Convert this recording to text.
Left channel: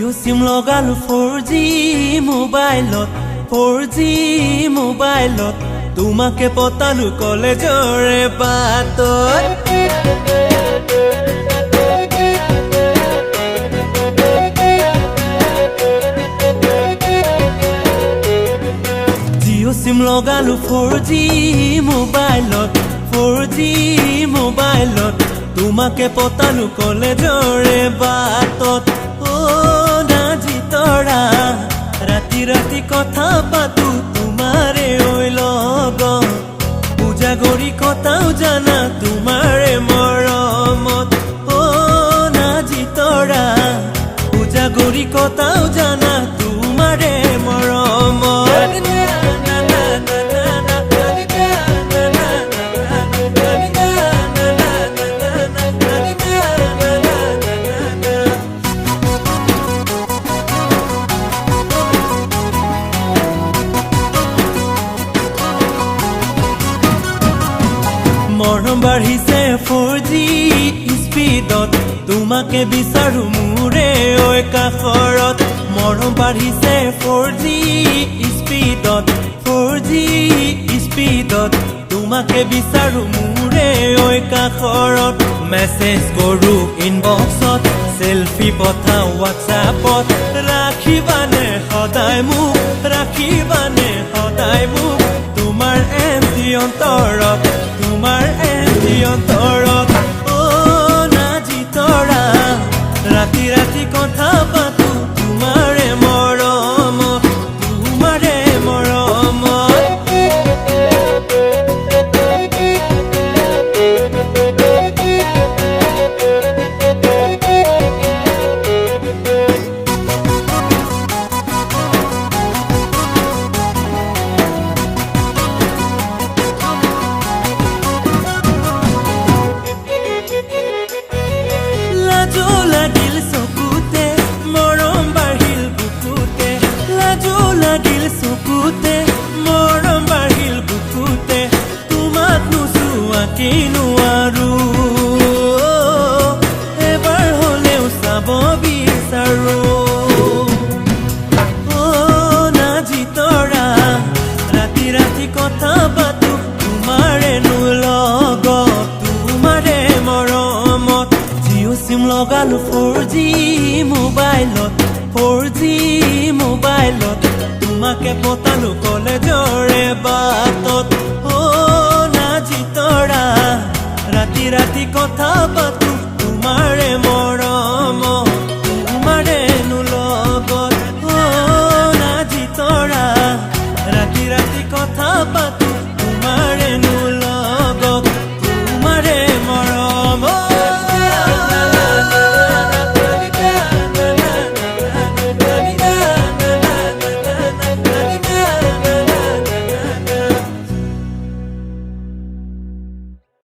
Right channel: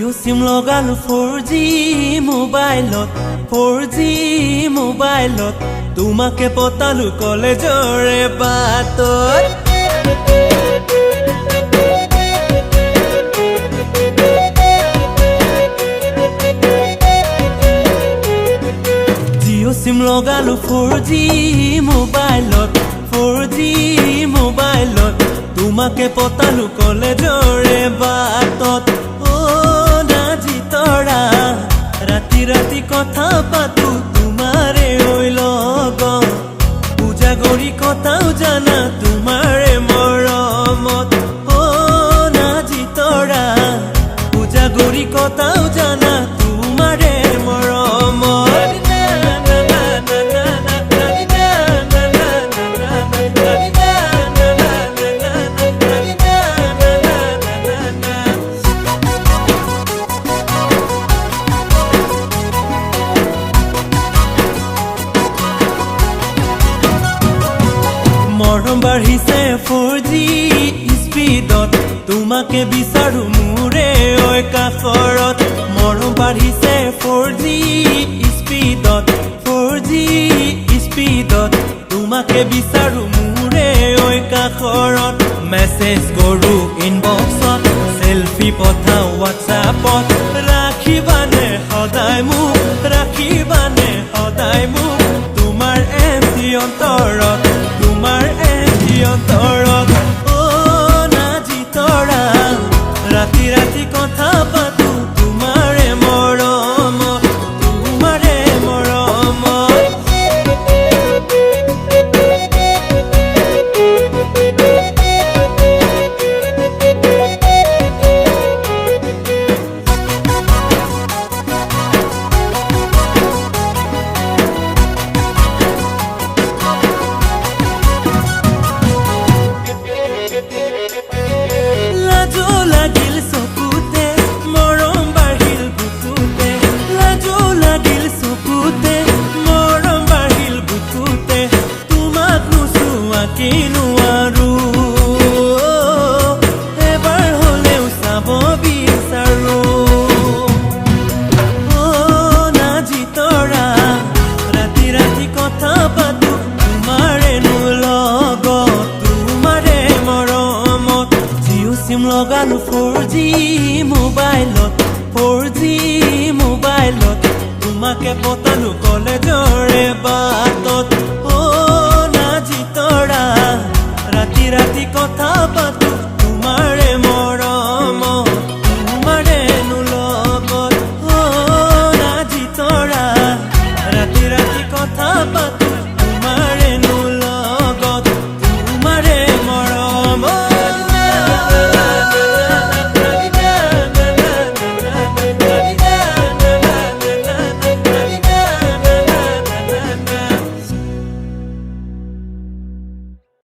জিঅ' সিম লগালো 4G মোবাইলত 4G মোবাইলত তোমাকে পতালো কলেজৰে বাটত জিঅ' সিম লগালো 4G মোবাইলত 4G মোবাইলত তোমাকে পতালো কলেজৰে বাটত নাজি তৰা ৰাতি ৰাতি কথা পাতো তোমাৰে ঐ লগত পূজা কৰি কথাও জানা তোমাৰে মৰমত নাজি তৰা পূজা কৰি কথাও জানা তোমাৰে মৰমত মৰম বাঢ়িছে 4G স্পীডত তোমাকে বিচাৰো মোৰে ঐ কাষৰত মৰম বাঢ়িছে 4G স্পীডত 4G স্পীডত তোমাকে বিচাৰো মোৰে ঐ কাষৰত মেছেজ কৰো ইনবক্সত সেলফি পঠাও হোৱাটছআপত ৰাখিবানে সদায় মোক ৰাখিবানে সদায় মোক তোমাৰ এমটি অন্তৰত তোমাৰ এমটি অন্তৰত নাজি তৰা ৰাতি ৰাতি কথা পাতো তোমাৰে মৰমত তোমাৰে মৰমত লাজো লাগিল চকুতে মৰম বাঢ়িল বুকুতে লাজো লাগিল চকুতে মৰম বাঢ়িল বুকুতে তোমাক নোচোৱাকে নোৱাৰো এবাৰ হলেও চাব বিচাৰো নাজি তৰা ৰাতি ৰাতি কথা পাতো তোমাৰে লগত তোমাৰে মৰমত জিঅ' সিম লগালো 4G মোবাইলত 4G মোবাইলত তোমাকে পতালো কলেজৰে বাটত নাজি তৰা ৰাতি ৰাতি কথা পাতো